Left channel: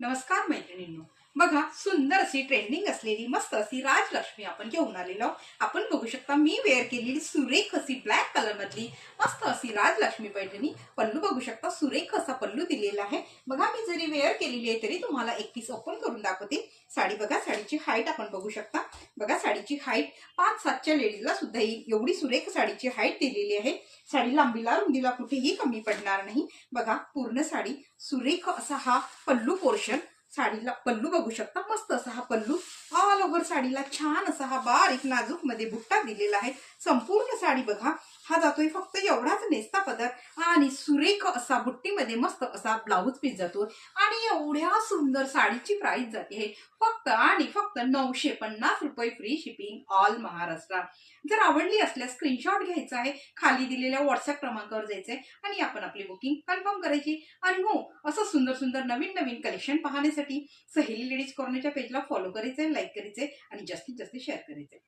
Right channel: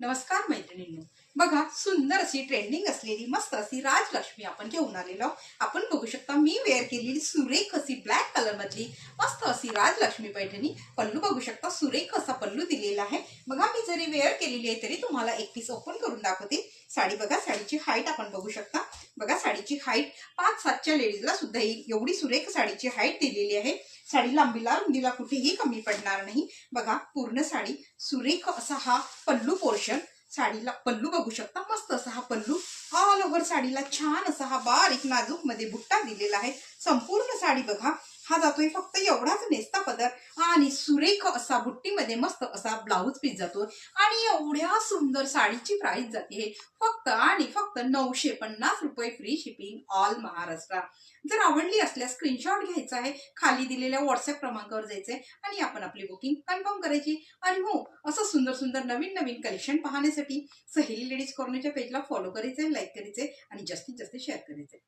नमस्कार मैत्रिणींनो, बघा सुंदर अशी ट्रेंडिंग असलेली मस्त अशी राजलक्ष्मी आपण घेऊन आलेलो आहोत। आपण बघू शकता मी वेअर केलेली सुरेख अशी ब्लॅक कलर मधली मस्त अशी राजलक्ष्मी पैठणी। पल्लू बघू शकता, सुरेख असा पल्लू दिलेला आहे। बघा मी जरी वेअर केलेली आहे तरी तुम्हाला एक पीस ओपन करून दाखवते। साडी बघा, साडीची हाईट आपण बघू शकता। बघा साडीची हाईट 5-7च्या लेडीजला सुद्धा येईल एवढी सुरेख साडीची हाईट दिलेली आहे। साडी लांबीला रुंदीला कुठेही कमी पडणार नाही। बघा पूर्ण साडी सुरेख असा हा पल्लू पोर्शन, साडीला पल्लू बघू शकता, मस्त असा हा पल्लू। ऑल ओव्हर साडीला छान असा हा बारीक नाजूक मध्ये बुट्टा दिलेला आहे। संपूर्ण साडी बघा, हा जातोय फक्त एवढाच नेसता पदर आणि सुरेख असा बुट्टीमध्ये मस्त असा ब्लाऊज पीस जातो। आणि एवढ्या सुंदर साडीची प्राइस जाते फक्त आणि फक्त 950 रुपये, फ्री शिपिंग ऑल महाराष्ट्र। जर आवडली असल्यास स्क्रीनशॉट घ्यायचा आहे, खाली दिलेल्या व्हॉट्सअप क्रमांकावर जायचंय आणि आपण आपली बुकिंग कन्फर्म करायची। आणि हो, असं सुंदर सुंदर नवीन नवीन कलेक्शन पाहण्यासाठी सहेली लेडीज कॉर्नरच्या पेजला फॉलो करायचे, लाईक करायचे आणि जास्तीत जास्त शेअर करायचे।